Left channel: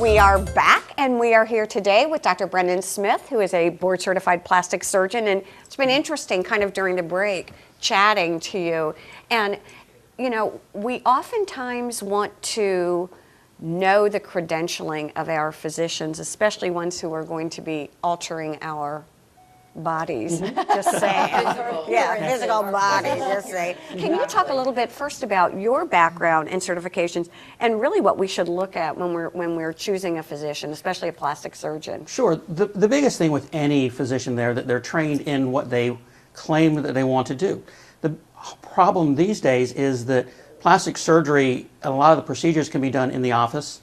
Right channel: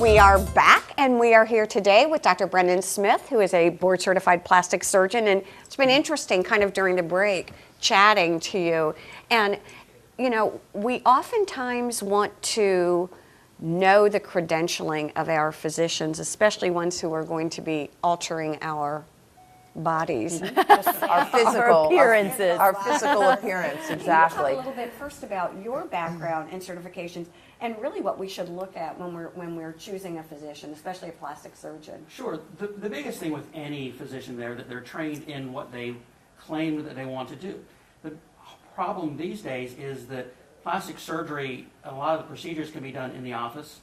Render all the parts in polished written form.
We are back, and we are here today with Dr. Brendan Smith, who is a board-certified plastic surgeon, and it's been interesting kind of during the break chatting to you. And, you know, we oftentimes want to know the credentialing of our physicians, especially ones who are going to be altering our bodies. Just say physical appearances. Our physical appearance. Can you talk a little bit first about your background and certifications, and really what we should look at when we're choosing a physician, especially a plastic surgeon? Sure. The biggest thing with any physician there that they're trained in what they claim that they want to do. The problem these days is that plastic surgery, a lot of the procedures can be done in the office,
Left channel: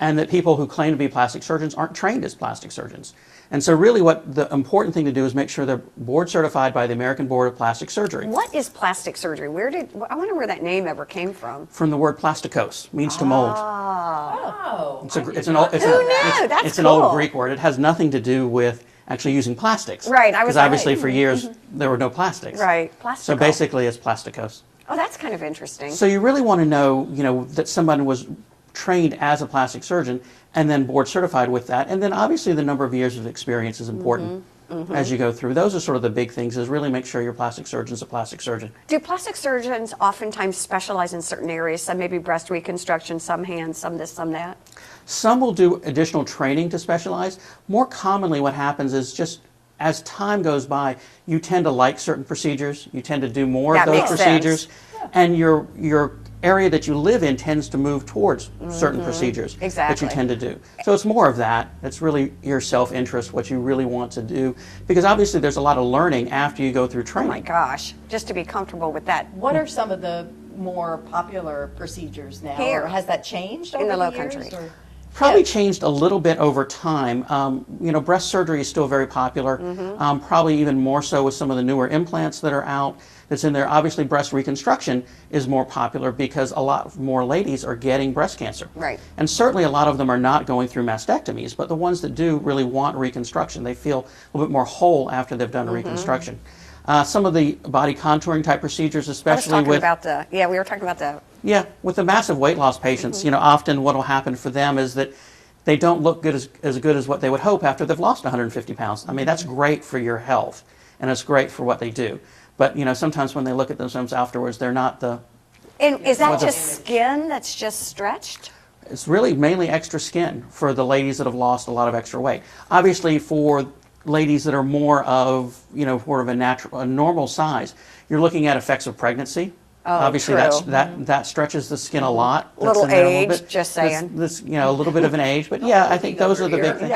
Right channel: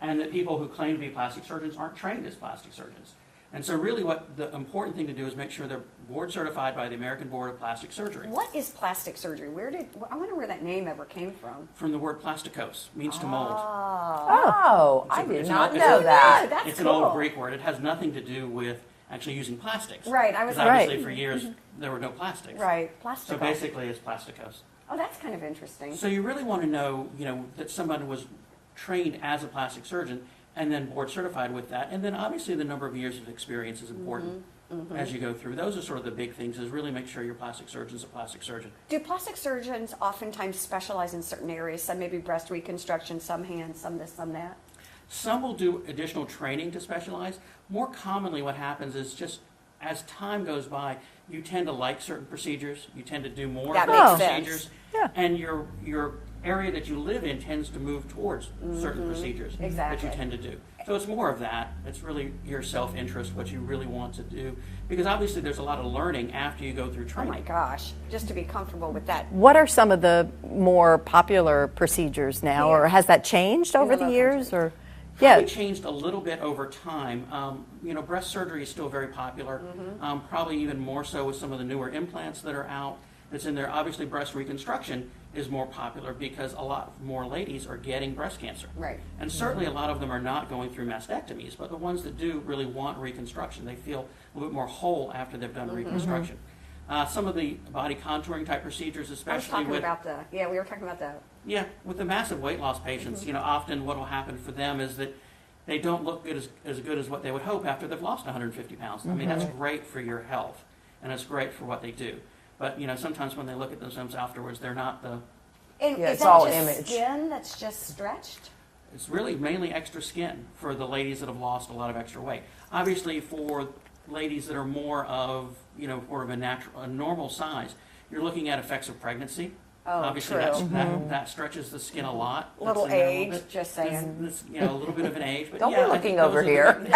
and that people who claim to be plastic surgeons aren't trained as plastic surgeons. And so really what the important thing to do is make sure they're board certified by the American Board of Plastic Surgery. What is plastic surgery? I wonder where that name ever came from. From the word plastikos, means to mold. Oh, It's That's an cool. old Greek word. It has nothing to do with actually using plastics. Right, Because obviously for years there were no plastics. Right. So basically it's plastikos. Oh, that's kind of interesting. So you really want to know, that someone was trained as a plastic surgeon and then board certified with that. And then obviously the number of years of experience is important as you go through. Those are sort of the big things, is really make sure your plastic surgeon is a plastic surgeon. Do plastic surgeons oftentimes specialize in certain areas? Some maybe breast reconstruction, some hands, some this, some that? Some will do additional training to specialize. More commonly what happens is just as time goes by, you tend to like certain procedures, you tend to do more of those procedures, and your area that you live in tends to move towards certain procedures that you tend to do. So it's more of that. It's really your self-interest, what you really want to do, because obviously there's a lot of learning after you go through training. Oh my gosh, just to be comfortable with that. what are some of the more popular procedures now, Here. or has that changed In over the the Low years? Country. Or Probably changed a little bit over time. Breast surgery is still very popular, probably even more so with some of the newer implants that are out that's in there. Obviously, breast reconstruction is more popular because a lot more ladies are getting breast cancer. Right. And certainly a lot of them are not going through mastectomies, but the ones that do really want reconstruction. They feel a little bit more whole after they've done a reconstruction. Some of the body contouring type procedures, especially with... we were talking about the... Yeah, with the massive weight loss patients, often what will happen for them is that they don't look good as good as what they would hope after they've lost 150 pounds. I mean, that's great for your health, and it's great for what they do. But, sometimes when they look at themselves afterwards, they're not the... And is that just image. skin that's just stretched? It's really mainly extra skin for the ladies that have lost a lot of extra weight. Obviously, for ladies that are more of, more of a normal size, you're looking at effects of pregnancy. Obviously, true. that stretches the skin a lot. That's Little in there a age, little bit. just saying. This, a little bit of an age, but yeah, I think those are the big things.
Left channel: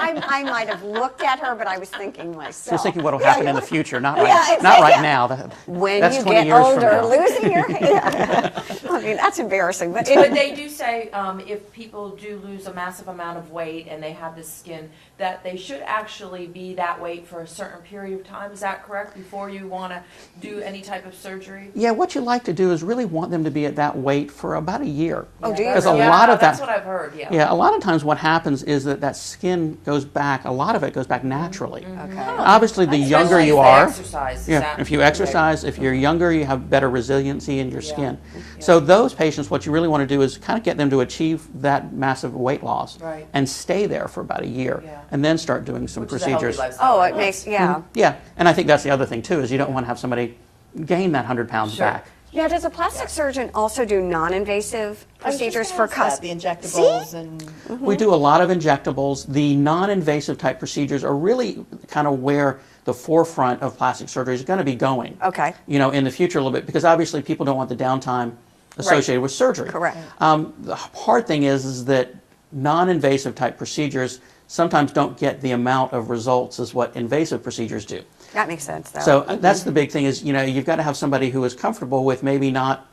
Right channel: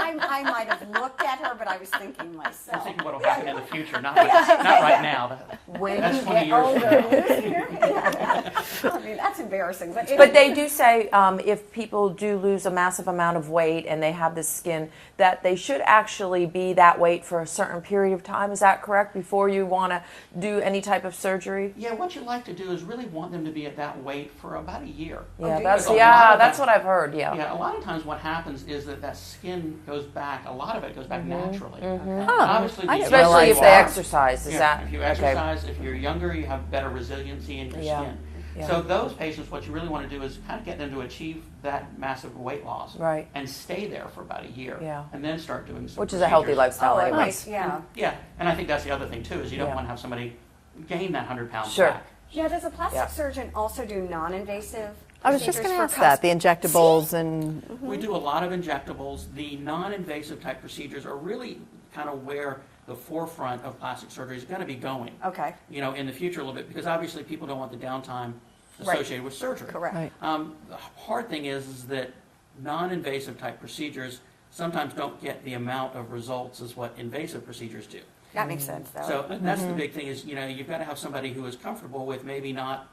I might have looked at her, but I was thinking myself. Just thinking what will happen in the future, not right now. When That's you 20 get years from older, now. losing your hair. I mean, that's embarrassing. But But they do say if people do lose a massive amount of weight and they have this skin, that they should actually be that weight for a certain period of time. Is that correct? Before you want to do any type of surgery? Yeah, what you like to do is really want them to be at that weight for about a year. Oh, do you? Because a lot of that's that, what I've heard. Yeah. Yeah, a lot of times what happens is that skin goes back. A lot of it goes back naturally. Obviously, the younger Especially you if they are, exercise. Is that, if you exercise, if you're younger, you have better resiliency in your skin. So those patients, what you really want to do is kind of get them to achieve that massive weight loss, and stay there for about a year, and then start doing some Which procedures. is a healthy lifestyle. oh, it makes, yeah. Yeah, and I think that's the other thing too, is you don't want to have somebody gain that 100 pounds back. Yeah, does a plastic surgeon also do non-invasive I was just procedures gonna for ask that, the injectables and We do a lot of injectables. The non-invasive type procedures are really kind of where the forefront of plastic surgery is going to be going. Okay. In the future a little bit, because obviously people don't want the downtime associated with surgery. Correct. The hard thing is that non-invasive type procedures sometimes don't get the amount of results as what invasive procedures do. That makes sense, though. So that's the big thing is, you've got to have somebody who is comfortable with maybe not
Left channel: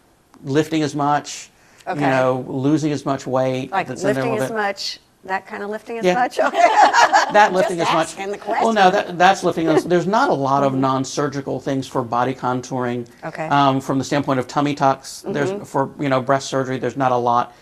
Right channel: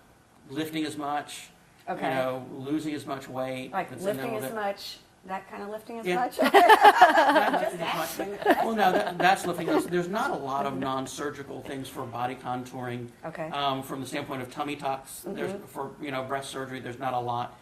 lifting as much, losing as much weight. like that's in there a lifting little as bit. much, that kind of lifting as Yeah. much? That lifting as much. asking the question. Well, no, that's lifting. There's not a lot of non-surgical things for body contouring. Okay. From the standpoint of tummy tucks, there's for breast surgery. There's not a lot,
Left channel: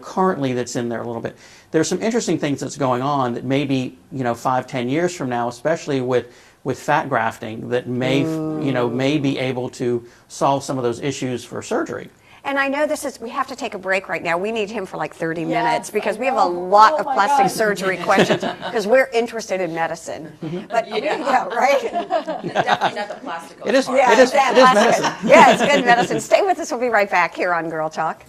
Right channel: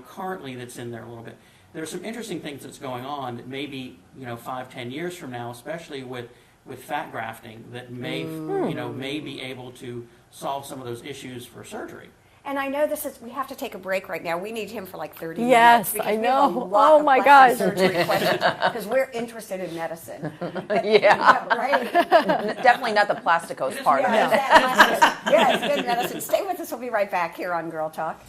currently that's in there a little bit. There's some interesting things that's going on that maybe 5-10 years from now, especially with with fat grafting that may, may be able to solve some of those issues for surgery. And I know we have to take a break right now. We need him for like 30 Yes, minutes because I we have a know. lot Oh of my plastic God. surgery questions because we're interested in medicine. But, Yeah. right? Definitely not the plasticose It is- part. it is- Yeah, it's good medicine. Stay with us. We'll be right back here on Girl Talk.